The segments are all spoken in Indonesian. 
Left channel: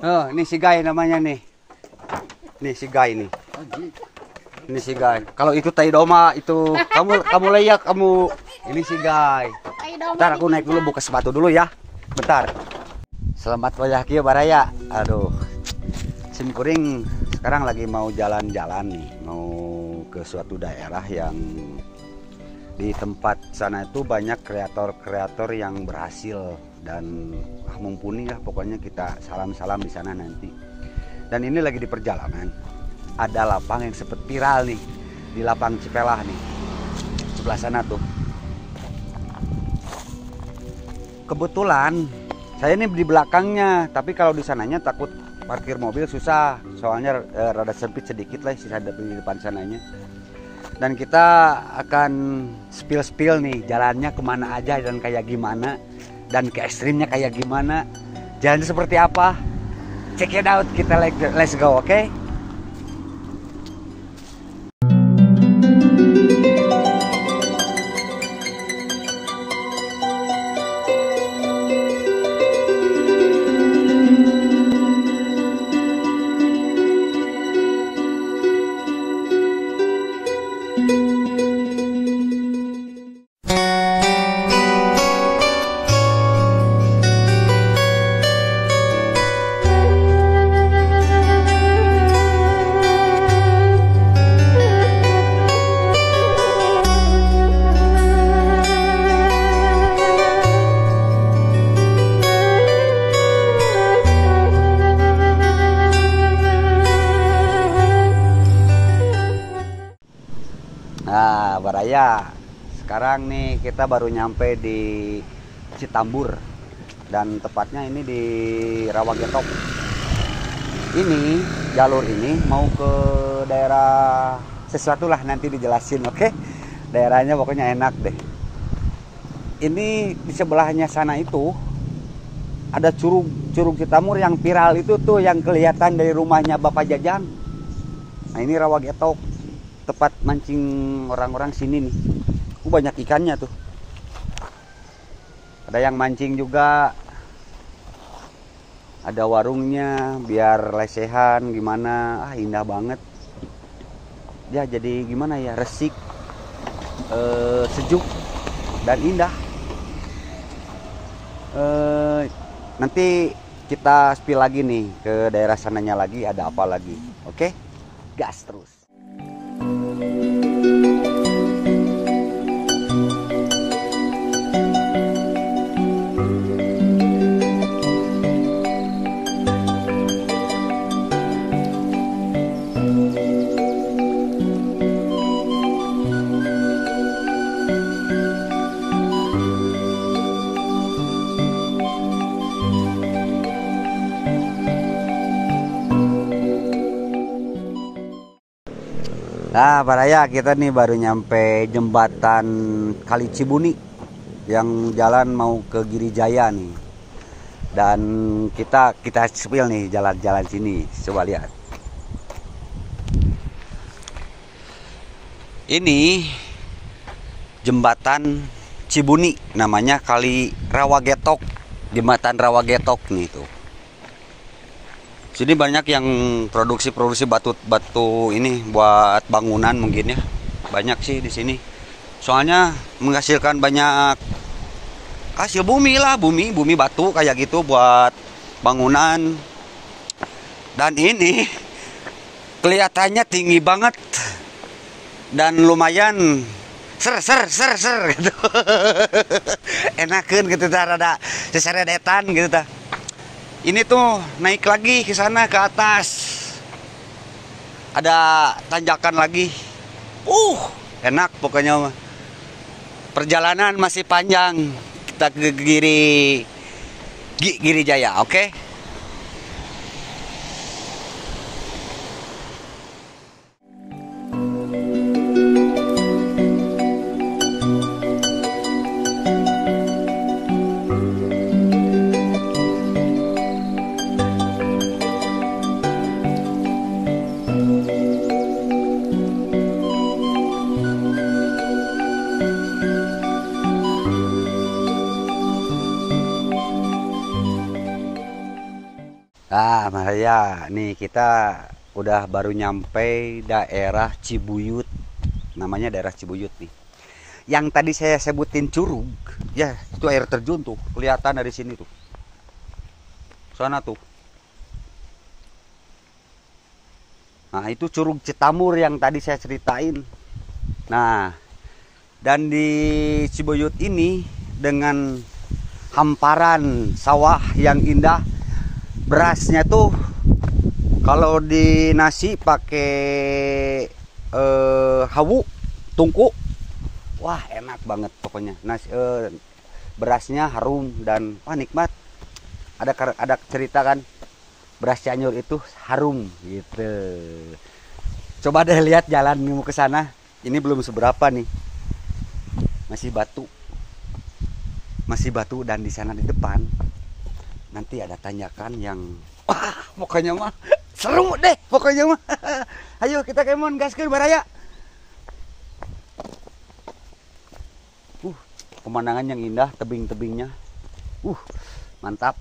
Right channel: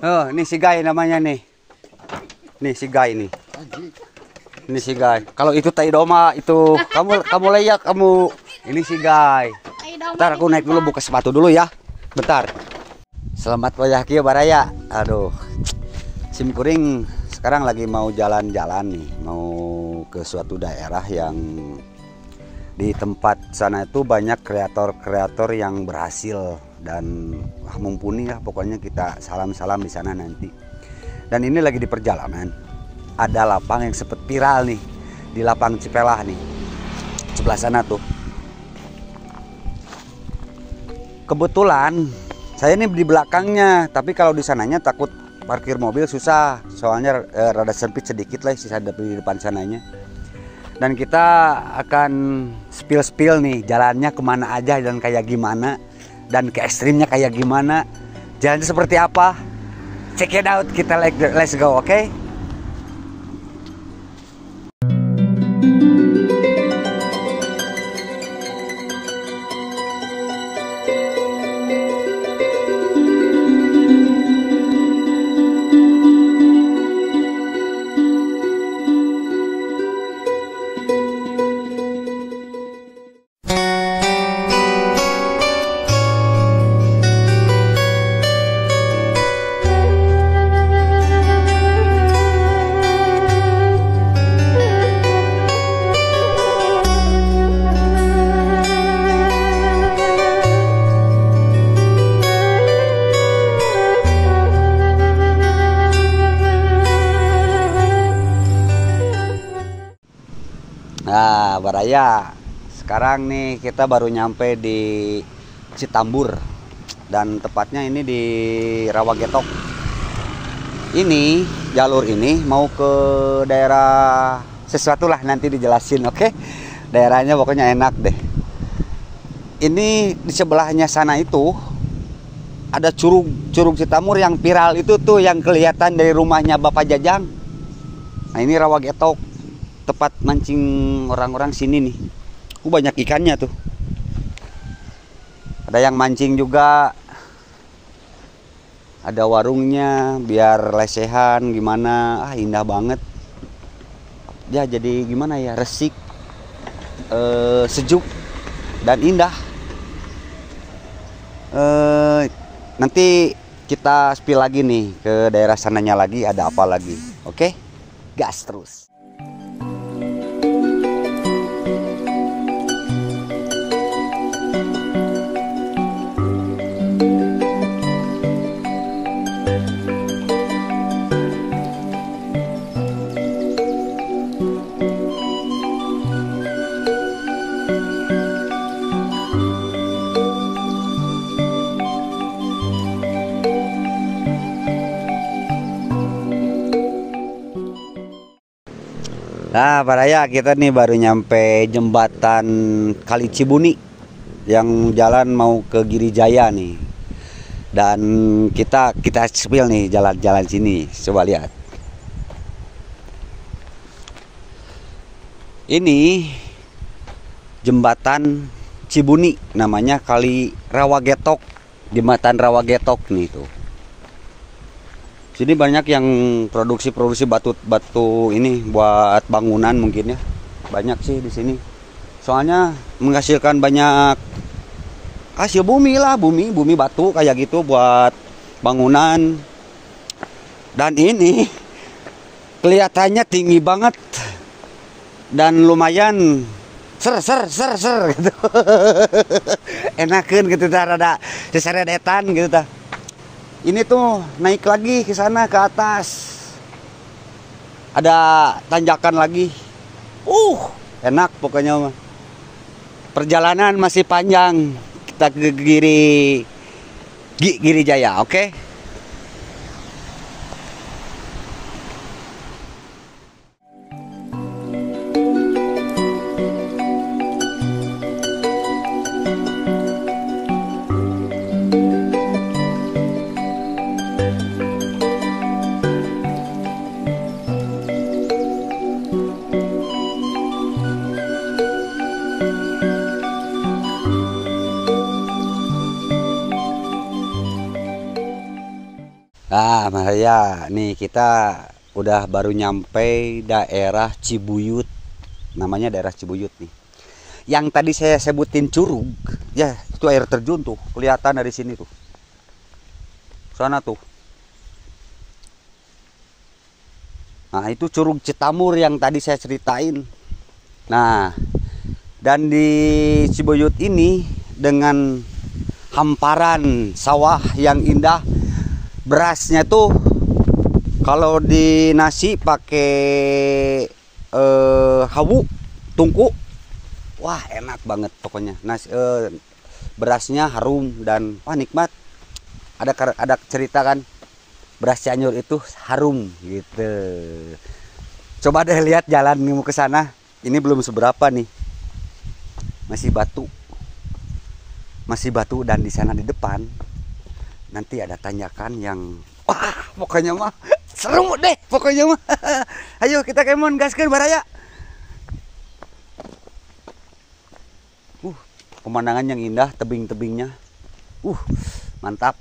Oh, ini si Guy namanya nih. Nih si Guy nih. Ini si Guy. Kalau itu tai doma itu kamu layak kamu. Ini si Guy. Bentar aku naik dulu buka sepatu dulu ya. Bentar. Selamat wayah kieu baraya. Aduh. Sim kuring sekarang lagi mau jalan-jalan nih, mau ke suatu daerah yang di tempat sana itu banyak kreator-kreator yang berhasil dan mumpuni lah, pokoknya kita salam-salam di sana nanti. Dan ini lagi di perjalanan, ada lapang yang sempat viral nih, di lapang Cipelah nih, sebelah sana tuh. Kebetulan saya ini di belakangnya, tapi kalau di sananya takut parkir mobil susah, soalnya rada sempit sedikit lah sisa di depan sananya. Dan kita akan spill nih jalannya kemana aja dan kayak gimana, dan ke ekstrimnya kayak gimana, jalannya seperti apa. Check it out, kita let's go, oke? Nah, baraya. Sekarang nih kita baru nyampe di Citambur dan tepatnya ini di Rawagetok. Ini jalur ini mau ke daerah sesuatu lah, nanti dijelasin, oke? Daerahnya pokoknya enak deh. Ini di sebelahnya sana itu ada curug Citambur yang viral itu tuh, yang kelihatan dari rumahnya Bapak Jajang. Nah, ini Rawagetok, tempat mancing orang-orang sini nih. Banyak ikannya tuh. Ada yang mancing juga. Ada warungnya biar lesehan gimana. Indah banget. Ya jadi gimana ya, resik, sejuk dan indah. Nanti kita spill lagi nih ke daerah sananya lagi, ada apa lagi. Oke? Gas terus. Nah, baraya kita nih baru nyampe jembatan Kali Cibuni yang jalan mau ke Girijaya nih. Dan kita spill nih jalan-jalan sini. Coba lihat. Ini jembatan Cibuni, namanya Kali Rawagetok. Jembatan Rawagetok nih tuh. Sini banyak yang produksi batu ini buat bangunan mungkin ya. Banyak sih di sini. Soalnya menghasilkan banyak hasil bumi lah, bumi batu kayak gitu buat bangunan. Dan ini kelihatannya tinggi banget dan lumayan ser gitu. Enakeun gitu tah, rada seseredetan gitu tah. Ini tuh naik lagi ke sana ke atas. Ada tanjakan lagi. Enak pokoknya mah. Perjalanan masih panjang. Kita ke Girijaya, oke? Ah, Maria, nih kita udah baru nyampe daerah Cibuyut. Namanya daerah Cibuyut nih. Yang tadi saya sebutin curug, ya itu air terjun tuh, kelihatan dari sini tuh. Sana tuh. Nah, itu curug Citamur yang tadi saya ceritain. Nah, dan di Cibuyut ini dengan hamparan sawah yang indah, berasnya tuh kalau di nasi pakai hawu tungku, wah enak banget pokoknya. Nasi berasnya harum dan wah nikmat. Ada cerita kan, beras Cianjur itu harum gitu. Coba deh lihat jalan mau ke sana. Ini belum seberapa nih, masih batu dan di sana di depan nanti ada tanjakan yang pokoknya mah seru deh pokoknya mah. Ayo kita kemon gaskeun baraya. Pemandangan yang indah, tebing-tebingnya. Mantap.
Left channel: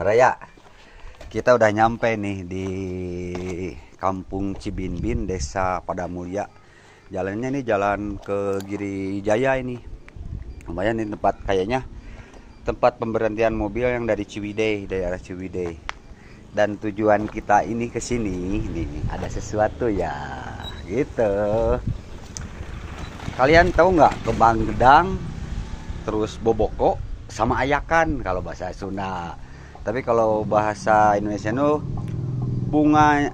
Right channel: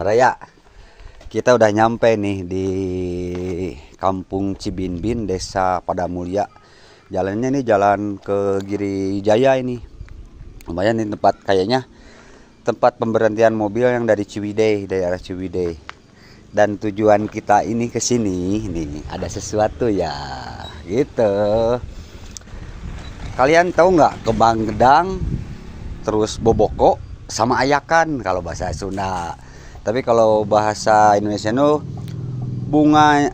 Raya, kita udah nyampe nih di Kampung Cibinbin, Desa Padamulya. Jalannya nih jalan ke Giri Jaya ini. Lumayan nih tempat, kayaknya tempat pemberhentian mobil yang dari Ciwidey, daerah Ciwidey. Dan tujuan kita ini ke sini nih ada sesuatu ya, gitu. Kalian tahu nggak kembang gedang, terus boboko sama ayakan kalau bahasa Sunda. Tapi kalau bahasa Indonesia itu bunga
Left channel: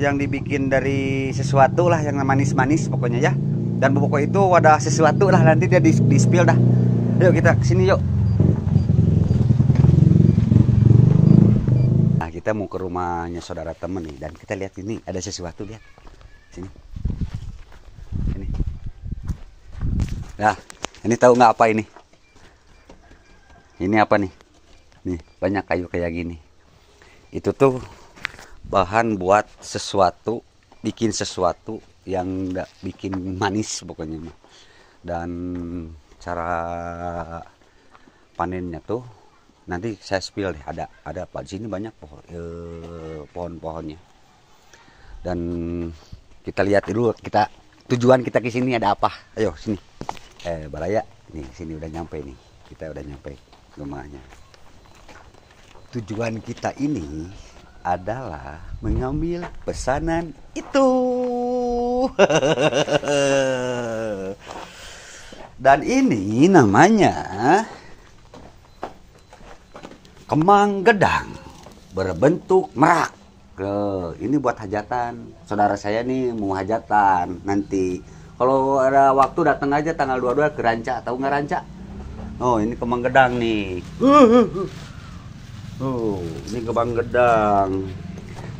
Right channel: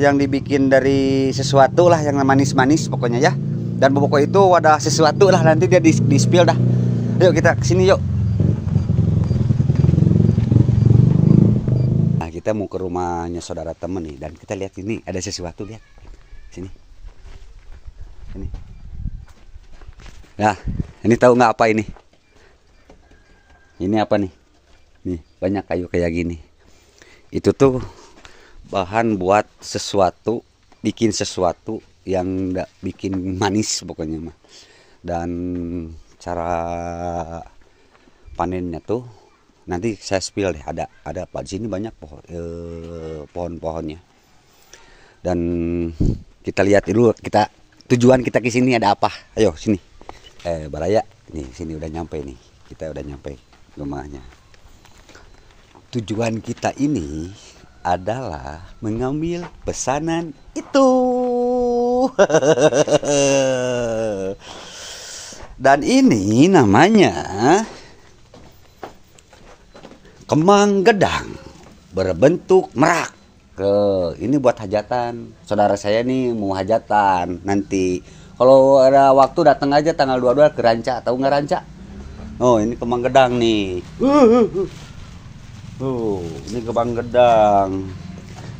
yang dibikin dari sesuatu lah yang manis-manis pokoknya ya. Dan boboko itu ada sesuatu lah, nanti dia di spill dah. Yuk kita kesini yuk. Nah, kita mau ke rumahnya saudara temen nih, dan kita lihat ini ada sesuatu, lihat sini. Ini. Nah, ini tahu nggak apa ini? Ini apa nih? Nih, banyak kayu kayak gini. Itu tuh bahan buat sesuatu, bikin sesuatu yang enggak bikin manis pokoknya mah. Dan cara panennya tuh nanti saya spill deh, ada apa di sini banyak pohon-pohonnya. Dan kita lihat dulu, tujuan kita ke sini ada apa. Ayo sini. Baraya, nih sini udah nyampe nih. Kita udah nyampe rumahnya. Tujuan kita ini adalah mengambil pesanan itu. Dan ini namanya kembang gedang berbentuk merak. Ini buat hajatan. Saudara saya nih mau hajatan nanti. Kalau ada waktu datang aja tanggal 22 ke Ranca. Tahu nggak Ranca? Oh, ini kembang gedang nih. Ini kembang gedang.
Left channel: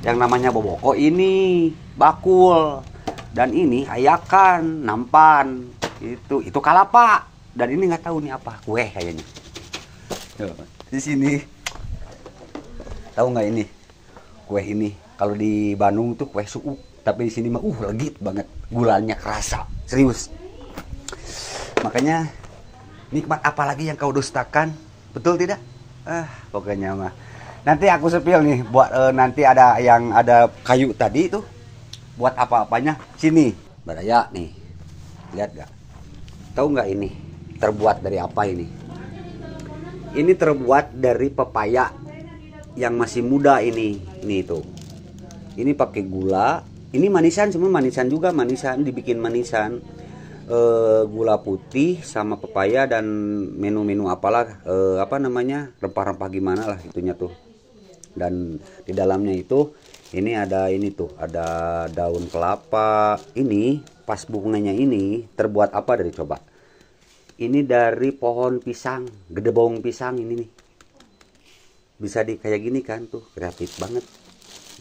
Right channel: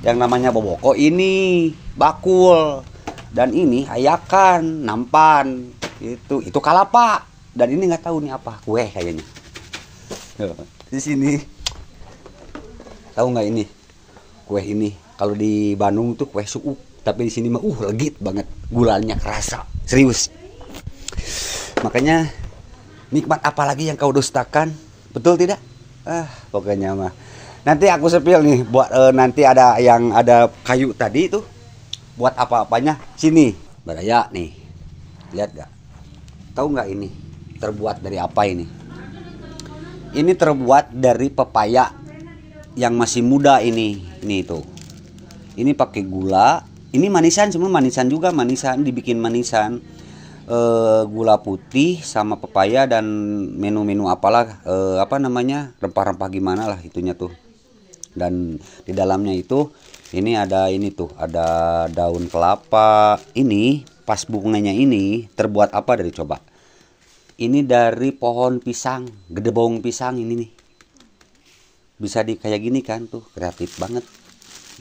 Yang namanya boboko ini bakul. Dan ini ayakan, nampan. Itu kalapa. Dan ini nggak tahu nih apa, kue kayaknya. Di sini. Tahu nggak ini? Kue ini kalau di Bandung tuh kue suuk, tapi di sini mah legit banget. Gulanya kerasa, serius. Makanya nikmat apalagi yang kau dustakan, betul tidak? Pokoknya mah Nanti aku sepil nih buat nanti ada yang ada kayu tadi tuh buat apa-apanya. Sini, Baraya nih. Lihat gak? Tahu nggak ini terbuat dari apa ini? Ini terbuat dari pepaya yang masih muda ini. Ini tuh. Ini pakai gula. Ini manisan, semua manisan juga, manisan dibikin manisan. Gula putih sama pepaya dan menu-menu apalah apa namanya, rempah-rempah gimana lah itunya tuh. Dan di dalamnya itu ini ada ini tuh, ada daun kelapa. Ini pas bunganya ini terbuat apa dari coba? Ini dari pohon pisang, gedebong pisang ini nih. Bisa di kayak gini kan tuh, kreatif banget.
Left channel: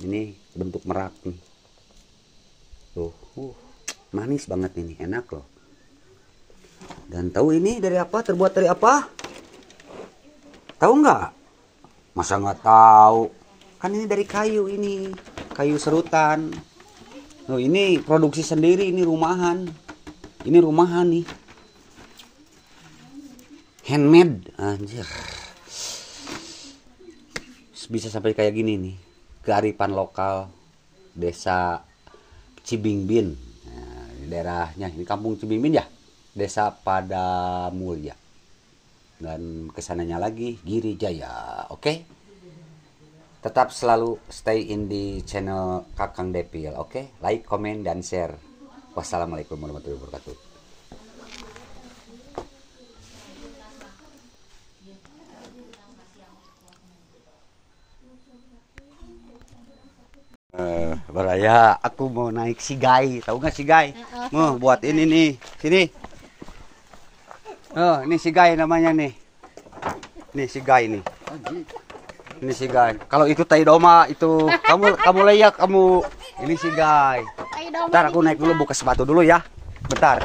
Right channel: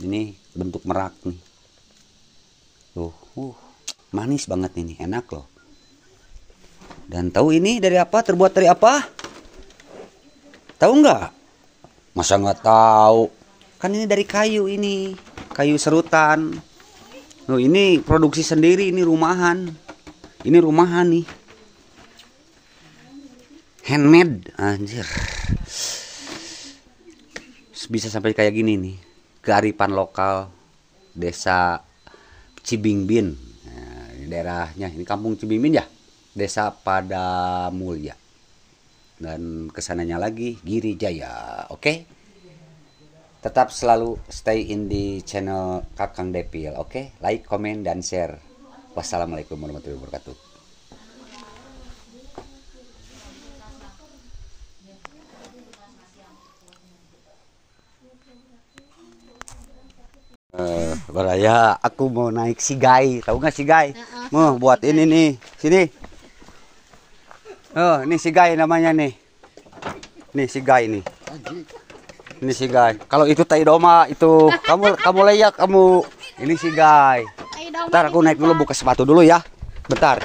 Ini bentuk merak nih. Tuh, manis banget ini, enak loh. Dan tahu ini dari apa? Terbuat dari apa? Tahu nggak? Masa nggak tahu? Kan ini dari kayu ini, kayu serutan. Loh, ini produksi sendiri, ini rumahan. Ini rumahan nih. Handmade, anjir. Bisa sampai kayak gini nih. Kearifan lokal desa Cibingbin. Nah, ini daerahnya, ini kampung Cibingbin ya. Desa Padamulya. Dan kesananya lagi Giri Jaya. Oke? Tetap selalu stay in di channel Kakang Depil. Oke? Like, comment, dan share. Wassalamualaikum warahmatullahi wabarakatuh. Baraya, aku mau naik sigai. Tahu nggak sigai? Mau buat ini nih. Sini. Oh, ini sigai namanya nih. Nih sigai nih. Ini sigai. Kalau itu tai doma itu kamu layak kamu. Ini sigai. Bentar aku naik dulu buka sepatu dulu ya. Bentar.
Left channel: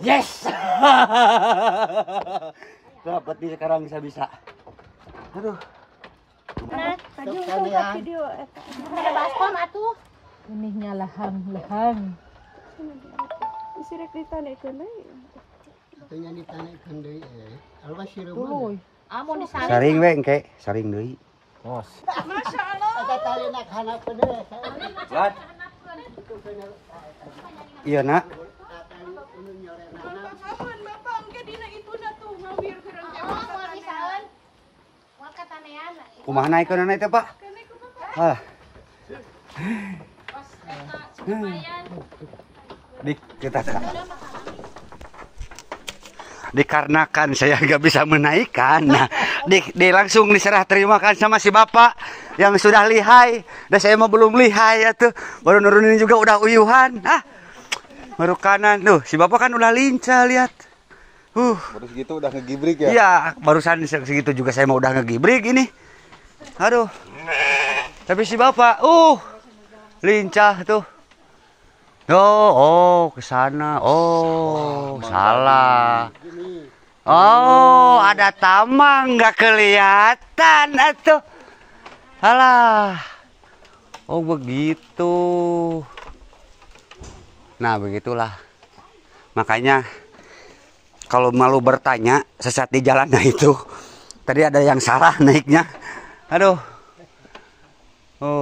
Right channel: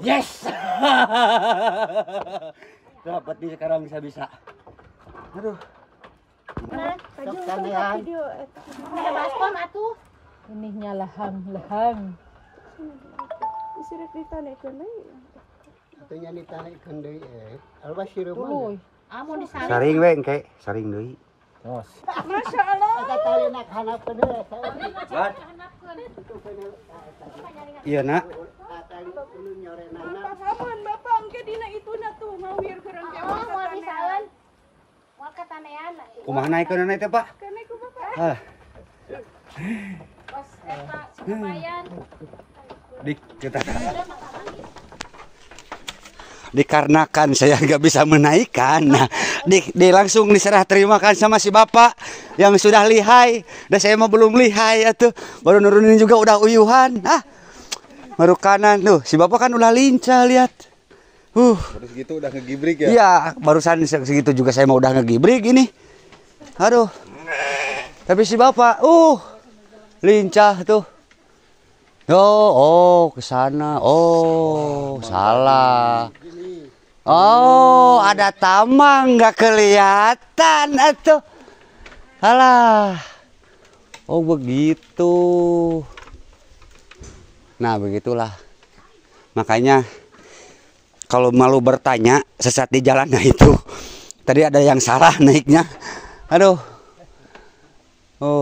Yes. Dapat nih sekarang bisa. Aduh. Ada baskom atuh. Inihnya lehang. Isirek ditanekeun deui. Itunya ditanekeun deui alba Dulu. Amun disaring. Saring we engke, saring deui. Tos. Masyaallah. Eta tali nak hanapeun deui. Lan. Iya, Nak. Bapak engke dina ituna tuh ngawir keurang teh. Moal katanean. Kumaha naikeun teh, Pak? Kene ku bapak. Ah. Pas eta supaya Dikarenakan saya nggak bisa menaikkan, nah langsung diserah terimakan sama si bapak yang sudah lihai. Dan saya mah belum lihai atuh, baru nurunin juga udah uyuhan. Baru kanan tuh, si bapak kan udah lincah lihat. Baru segitu udah ngegibrik ya? Iya, barusan segitu juga saya mau udah ngegibrik ini. Aduh. Tapi si bapak, lincah tuh. ke sana. Salah. Ada tamang nggak kelihatan atuh. Alah. Begitu. Nah, begitulah. Makanya kalau malu bertanya sesat di jalan, nah itu tadi ada yang salah naiknya. Aduh.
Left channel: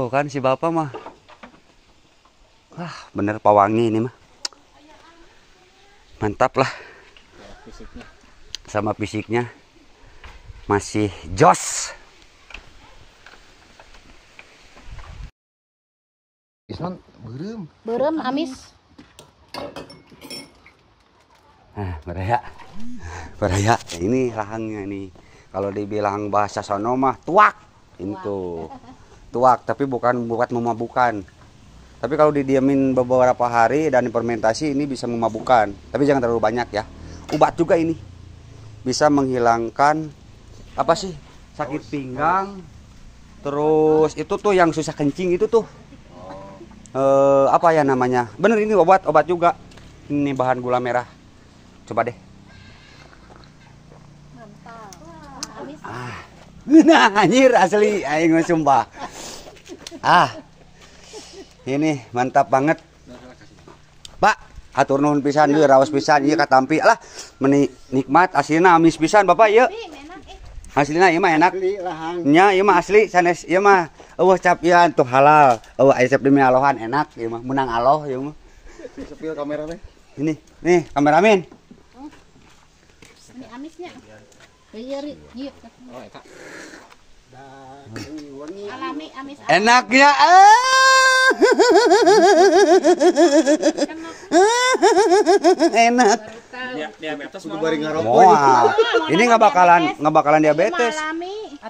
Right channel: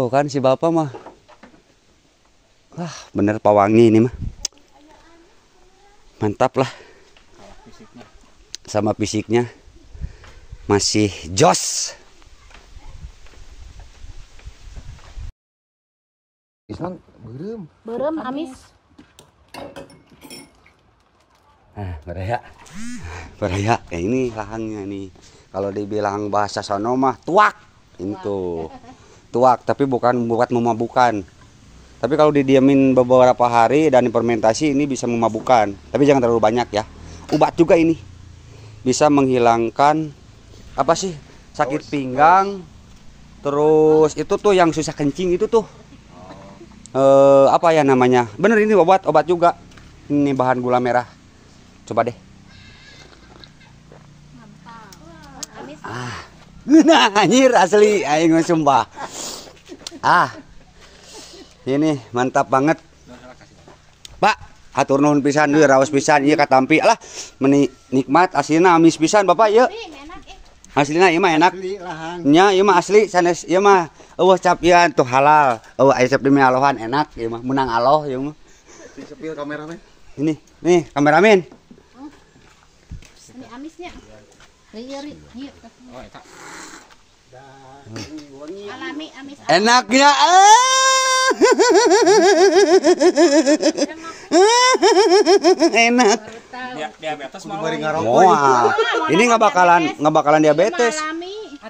Kan si bapak mah. Bener pawangi ini mah. Mantap lah. Sama fisiknya masih jos. Isman beureum amis. Beraya. Baraya, ini lahangnya nih. Kalau dibilang bahasa sono mah tuak. Itu. Tuak, tapi bukan buat memabukkan. Tapi kalau didiamin beberapa hari dan fermentasi ini bisa memabukkan. Tapi jangan terlalu banyak ya. Obat juga ini. Bisa menghilangkan apa sih? Sakit pinggang. Terus itu tuh yang susah kencing itu tuh. Apa ya namanya? Bener ini obat juga. Ini bahan gula merah. Coba deh. Nah, anjir asli aing sumpah. Ini mantap banget. Pak, hatur nuhun pisan deui raos pisan ieu katampi. Alah, nikmat aslina amis pisan Bapak ieu. Aslina ieu mah enak. Nya ieu mah asli sanes ieu mah eueuh cap ieu tuh halal. Eueuh aya cap demi alohan enak ieu mah menang aloh ieu mah. Sepil kamera teh. Ini, nih kameramen. Ini amisnya. Ieu ieu. Alami amis. Enaknya enak. Diabetes mau. Moal. Ini nggak bakalan diabetes.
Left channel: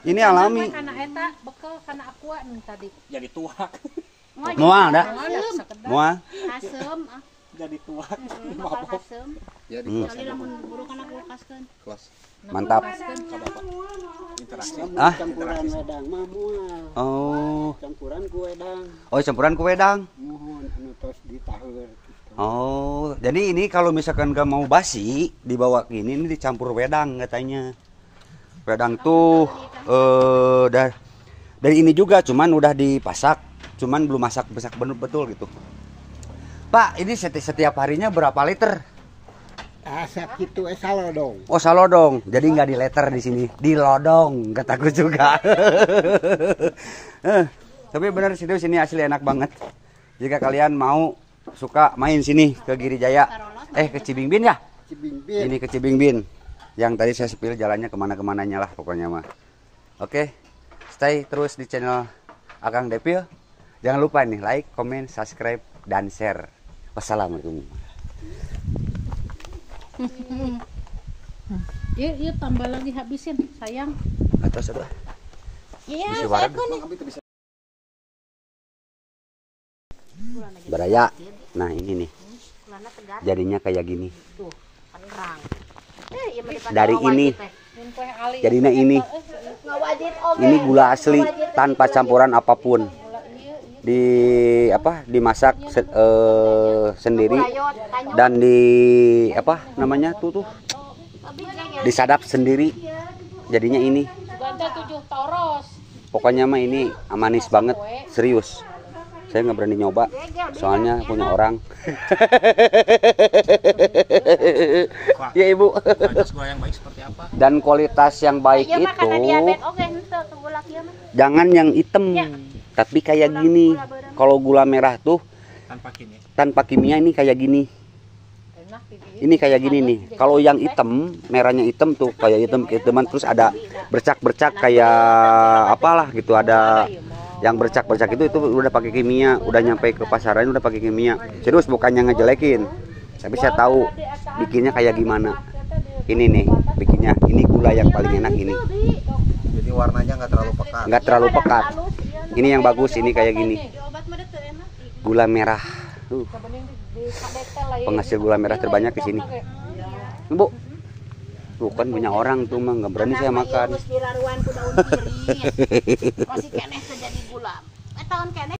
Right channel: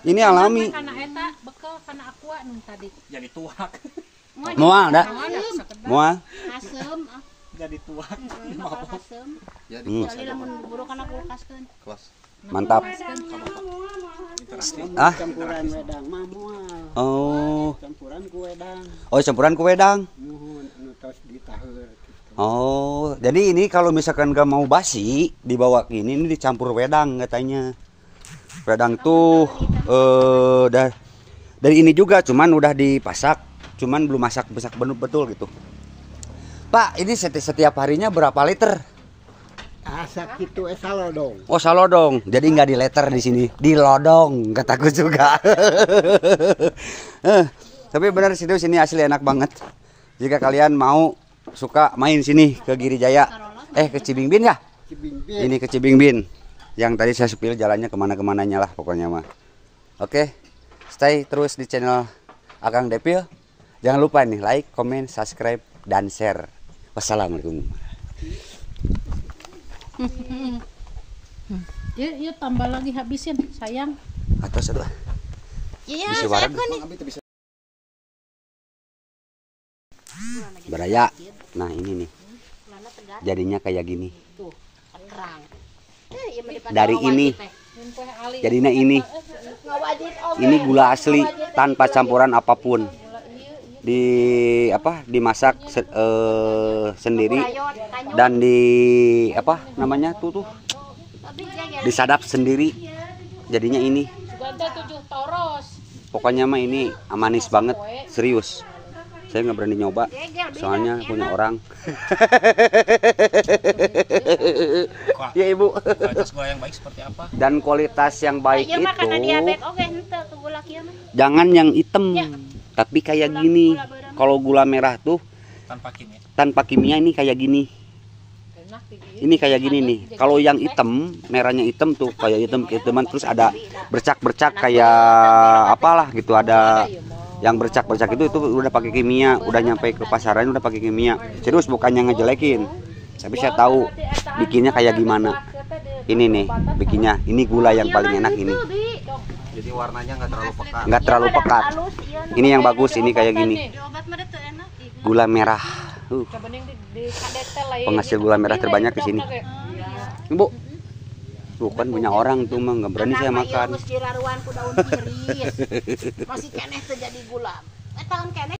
Ini alami. Karena eta bekel karena aqua nih tadi. Jadi tuak. Moal dah. Moal. Asem. Jadi tuak. Bakal asem. Jadi Jadi lamun buru kana kulkaskeun. Mantap. campuran wedang mah moal. Oh. Campuran ku wedang. Oh, campuran ku wedang. Muhun anu tos ditaheur. Oh, jadi ini kalau misalkan gak mau basi dibawa ke ini dicampur wedang katanya. Wedang tuh dari ini juga cuman udah dipasak, cuman belum masak betul gitu. Pak, ini setiap harinya berapa liter? Asa kitu salodong. Oh, salodong. Jadi nggak di liter di sini, di lodong kataku juga. Tapi benar serius ini asli enak banget. Jika kalian mau suka main sini ke Girijaya, ke Cibingbin ya? Cibingbin. Ini ke Cibingbin. Yang tadi saya spill jalannya kemana-kemananya lah pokoknya mah. Oke, stay terus di channel Akang Depil. Jangan lupa nih like, comment, subscribe, dan share. Wassalamualaikum. Yuk tambah lagi habisin sayang. Atas aduh. Iya, Bisi wareg. Baraya. Nah, ini nih. Jadinya kayak gini. Dari ini. Jadinya ini. Ini gula asli tanpa campuran apapun. Dimasak sendiri dan disadap sendiri. Jadinya ini. Pokoknya mah ini manis banget, serius. Saya nggak berani nyoba, soalnya punya orang. Ya Ibu. Dan kualitas yang baik itu jangan yang hitam, tapi kayak gini. Kalau gula merah tuh tanpa kimia ini kayak gini. Ini kayak gini nih. Kalau yang hitam, merahnya hitam tuh kayak hitam-hitaman terus ada bercak-bercak kayak apalah gitu, ada yang bercak-bercak itu udah pakai kimia, udah nyampe ke pasaran udah pakai kimia. Serius, bukannya ngejelekin. Tapi saya tahu bikinnya kayak gimana. Ini nih bikinnya. Ini gula yang paling enak ini. Jadi warnanya nggak terlalu pekat. Nggak terlalu pekat. Ini yang bagus, ini kayak gini. Gula merah. Penghasil gula merah terbanyak di sini. Bu. Tuh kan punya orang tuh mah nggak berani saya makan. Masih keneh terjadi gula. Tahun keneh